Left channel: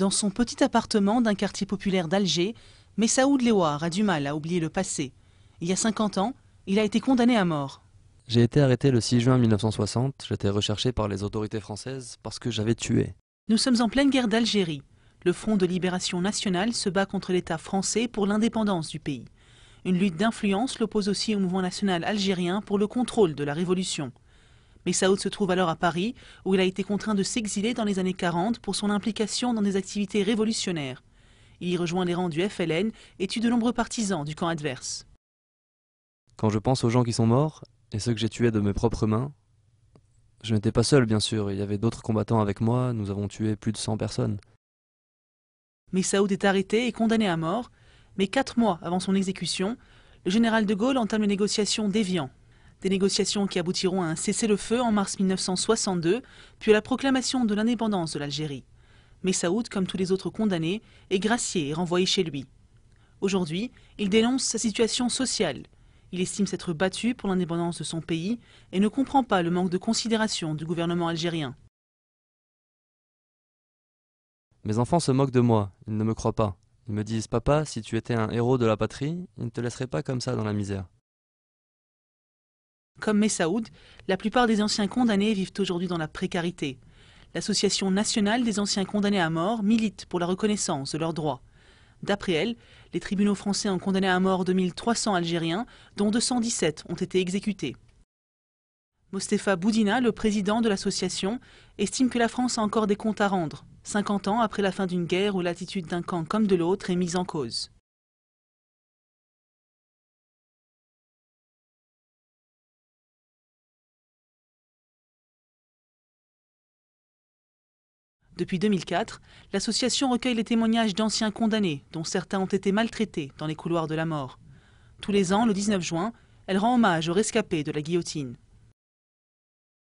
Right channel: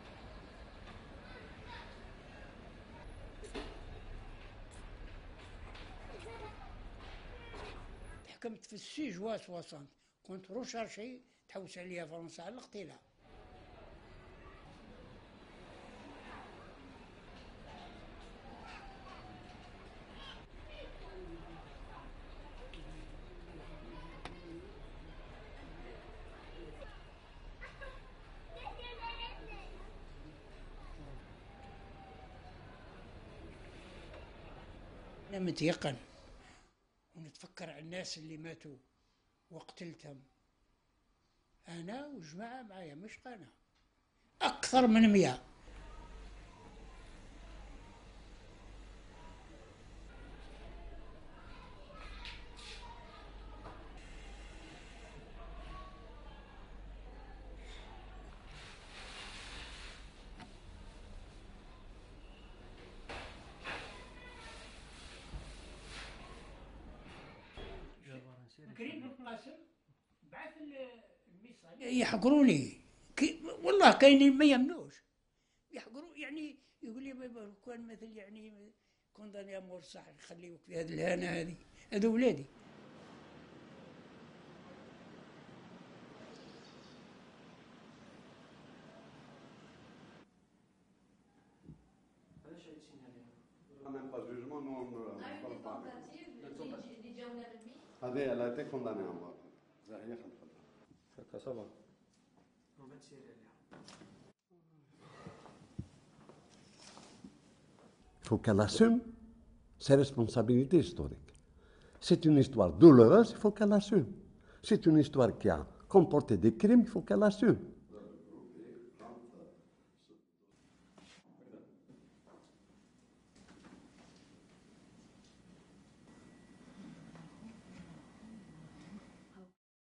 Dans son petit appartement d'un quartier populaire d'Alger, Messaoud Lewar a du mal à oublier le passé. Il y a 50 ans, il a été condamné à mort. J'ai été arrêté le 6 juin 1960. J'étais recherché par les autorités françaises parce que j'avais tué. Nous sommes en pleine guerre d'Algérie. Le Front de libération nationale se bat contre l'État français pour l'indépendance du pays. Une lutte d'influence l'oppose aussi au mouvement national algérien pour le contrôle de la révolution. Messaoud se trouve alors à Paris, où il a été contraint de s'exiler dans les années 40 pour son implication dans des activités révolutionnaires. Il y rejoint les rangs du FLN et tue de nombreux partisans du camp adverse. Quand je pense aux gens qui sont morts et ceux que j'ai tués de mes propres mains, je n'étais pas seul bien sûr, il y avait d'autres combattants avec moi, nous avons tué plus de 100 personnes. Messaoud est arrêté et condamné à mort, mais 4 mois avant son exécution, le général de Gaulle entame les négociations d'Évian. Des négociations qui aboutiront à un cessez-le-feu en mars 1962, puis à la proclamation de l'indépendance de l'Algérie. Messaoud, comme tous les autres condamnés, est gracié et renvoyé chez lui. Aujourd'hui, il dénonce sa situation sociale. Il estime s'être battu pour l'indépendance de son pays et ne comprend pas le manque de considération du gouvernement algérien. Mes enfants se moquent de moi, ils ne me croient pas. Ils me disent « Papa, si tu étais un héros de la patrie, ils ne te laisseraient pas comme ça dans la misère. » Comme Messaoud, la plupart des anciens condamnés vivent aujourd'hui dans la précarité. L'Association nationale des anciens condamnés à mort milite pour la reconnaissance de leurs droits. D'après elle, les tribunaux français ont condamné à mort 2300 Algériens, dont 217 ont été exécutés. Mostefa Boudina, le président de l'association, estime que la France a encore des comptes à rendre, 50 ans après la fin d'une guerre où l'attitude d'un camp comme de l'autre est mise en cause. Il faut qu'elle assume ses responsabilités historiques. C'est une histoire douloureuse, il faut qu'elle assume. C'est une histoire qui a comporté des crimes, il faut qu'elle assume. Depuis 2004, l'association recueille les témoignages d'anciens condamnés, dont certains ont été maltraités dans les couloirs de la mort. Tous les ans, le 19 juin, elle rend hommage aux rescapés de la guillotine.